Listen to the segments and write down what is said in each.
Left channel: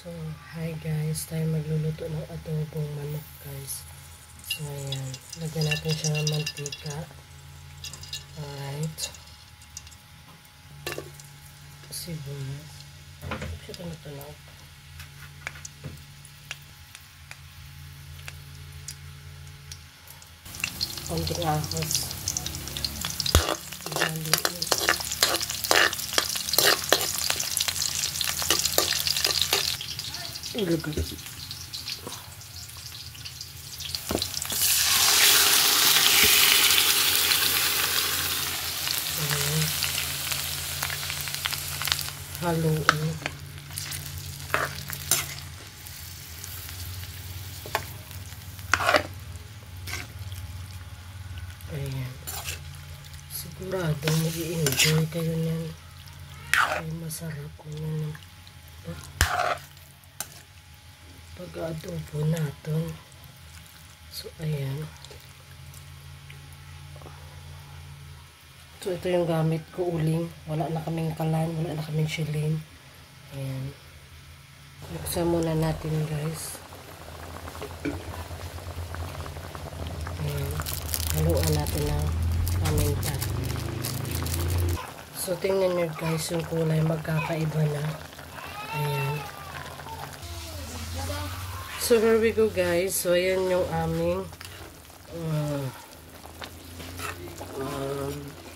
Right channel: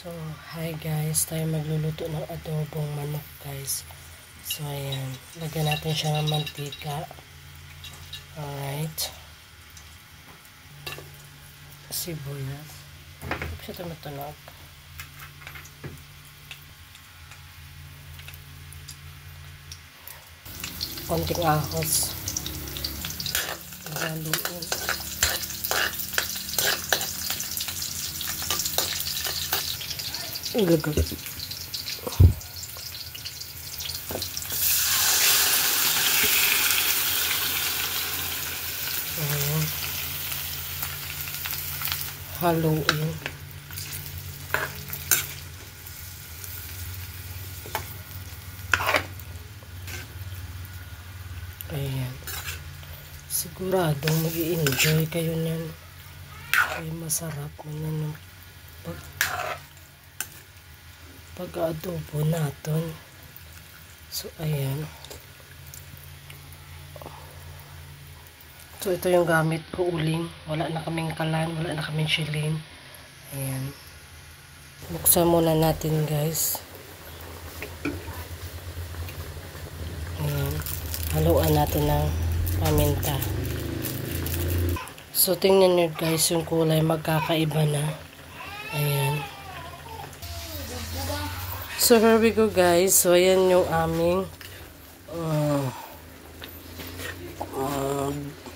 So, hi guys, tayo magluluto ng adobong manok guys. So, ayan, lagyan natin siya ng mantika. Alright. Sibuyas. Siya tumutunog. Konting ahos. Haluin. Ilagay. Haluin. Ayan. Siguradong mag-i-enjoy kayo niyan. Ay, masarap naman pag-adobo natin. So, ayan. So, ito yung gamit ko, uling. Wala na kaming kalan, wala na kaming shilling. Ayan. Buksan muna natin, guys. Ayan. Haluan natin ng paminta. So, tingnan nyo, guys, yung kulay magkakaiba na. Ayan. So, here we go, guys. So, ayan yung aming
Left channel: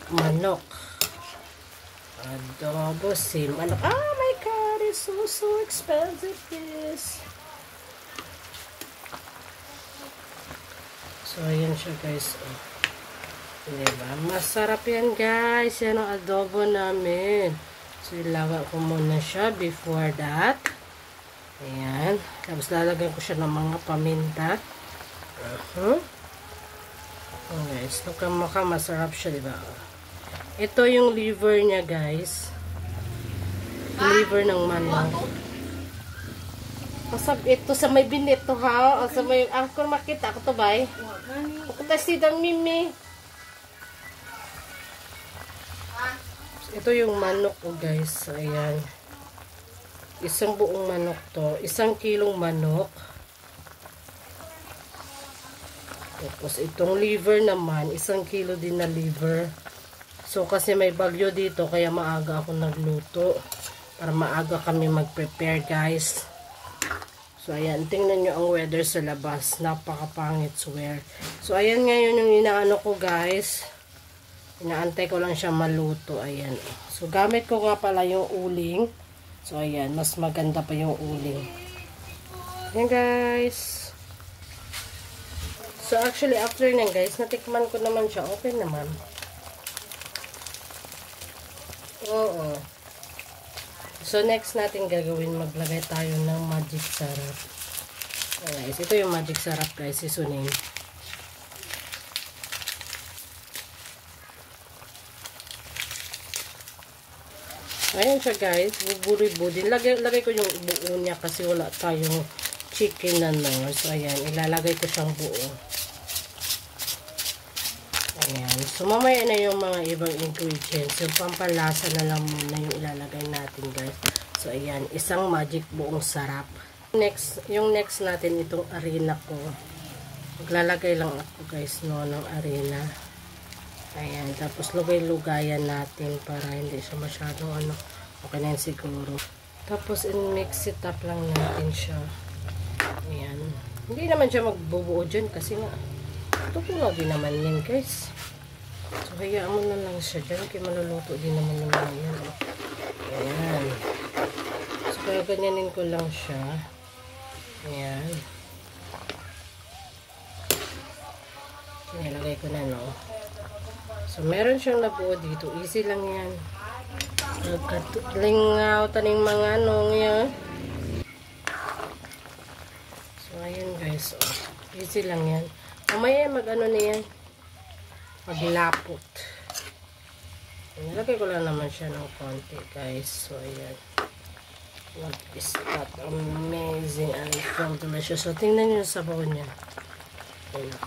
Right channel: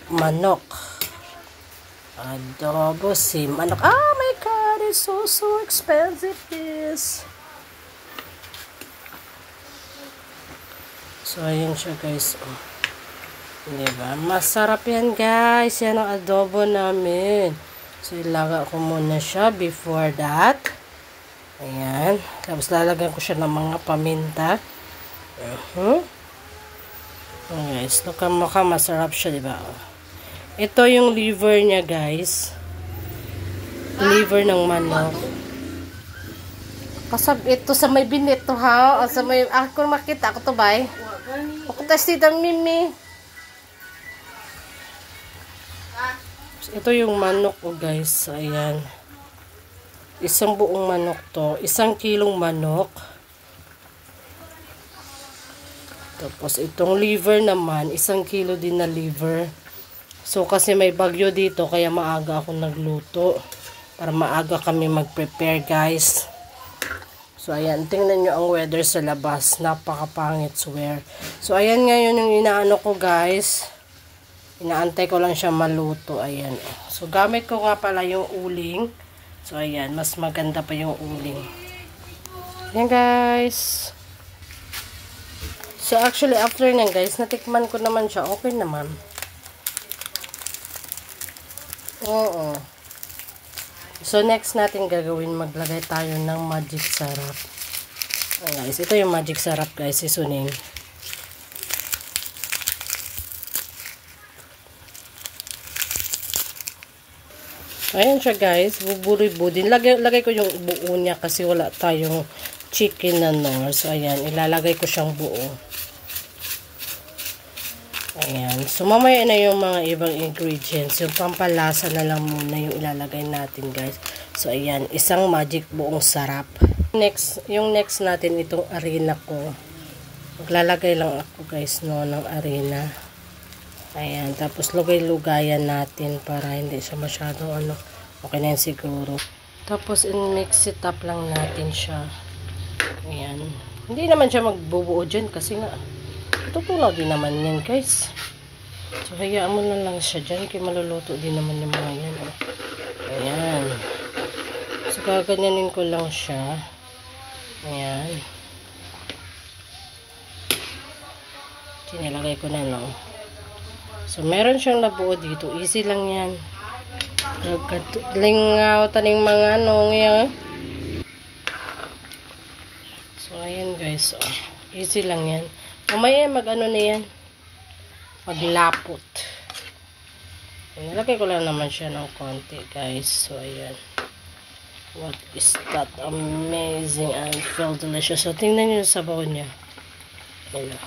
manok. Adobo si manok. Oh my God, it's so expensive this. So, ayan siya, guys. Diba? Masarap yan, guys. Yan ang adobo namin. So, ilaga ko muna siya before that. Ayan. Tapos, lalagyan ko siya ng mga paminta. Guys, mukha masarap siya, diba? Ito yung liver niya, guys. Liver ng manok. Kasab ito sa may binito, ha? O sa may, ako makita ako to, bay. Ako testitang mimi. Ito yung manok ko, guys. Ayan. Isang buong manok to. 1 kilong manok. Tapos, itong liver naman, 1 kilo din na liver. So, kasi may bagyo dito, kaya maaga ako nagluto. Para maaga kami mag-prepare, guys. So, ayan. Tingnan nyo ang weather sa labas. Napakapangit, swear. So, ayan ngayon yung inaano ko, guys. Inaantay ko lang siya maluto. Ayan. So, gamit ko nga pala yung uling. So, ayan. Mas maganda pa yung uling. Ayan, guys. So, actually, after na, guys, natikman ko naman siya. Okay naman. Oo. So, next natin gagawin, maglagay tayo ng magic syrup. Ayan, guys. Ito yung magic syrup, guys. Isunin. Ayan siya, guys. Buburi-budin. Lagay ko yung buo niya kasi wala tayong chicken na nor. So, ayan. Ilalagay ko siyang buo. Ayan. So, mamaya na yung mga ibang ingredients. Yung pampalasa na lang muna yung ilalagay natin, guys. So, ayan. Isang magic buong sarap. Yung next natin, itong arena ko. Maglalagay lang ako, guys, no, ng arena. Ayan. Tapos, lugay-lugayan natin para hindi siya masyado, okay na yan siguro. Tapos, in-mix it up lang natin siya. Ayan. Hindi naman siya magbubuo dyan kasi nga, tutunaw din naman yan, guys. So, hayaan mo na lang siya dyan kaya maluluto din naman yung mga yan. Ayan. So, gaganyanin ko lang siya. Ayan. Sinilagay ko na, no. So, meron siyang nabuo dito. Easy lang yan. Lingaw taning mga yan. So, ayan, guys. Oh, easy lang yan. Mamaya mag-ano na yan. Maglapot. Nilagay ko lang naman siya ng konti, guys. So, ayan. What is that? Amazing and feel delicious. So, tingnan nyo yung sabaw niya. Ayan.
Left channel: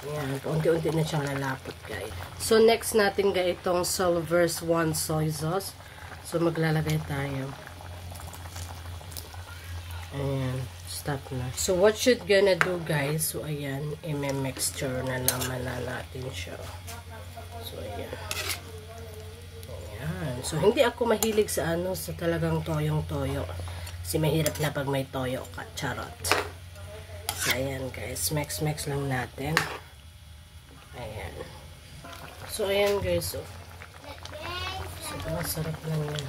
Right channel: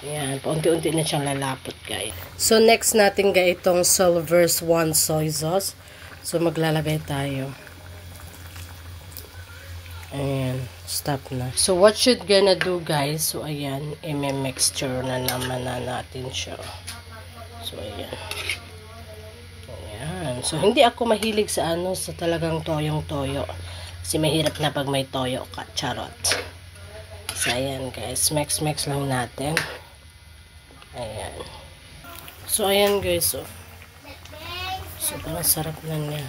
Ayan. Unti-unti na siyang lalapot, guys. So, next natin, guys, itong Silver's One soy sauce. So, maglalagay tayo. Ayan, stop na. So, what should gonna do, guys? So, ayan, i-mixture na naman na natin siya. So, ayan. Ayan. So, hindi ako mahilig sa sa talagang toyong-toyo. Kasi mahirap na pag may toyo ka. Charot. So, ayan, guys. Mix lang natin. Ayan. So, ayan, guys. So, parang sarap na niya.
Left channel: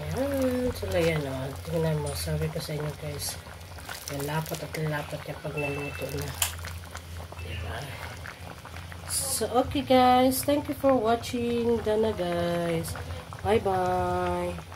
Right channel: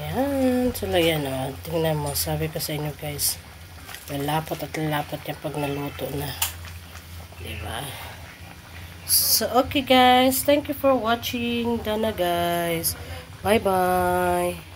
Ayan. So, ayan, tingnan mo. Sabi ko sa inyo, guys. Lalapot at lalapot niya pag naluto na. Diba? So, okay, guys. Thank you for watching. Done na, guys. Bye-bye.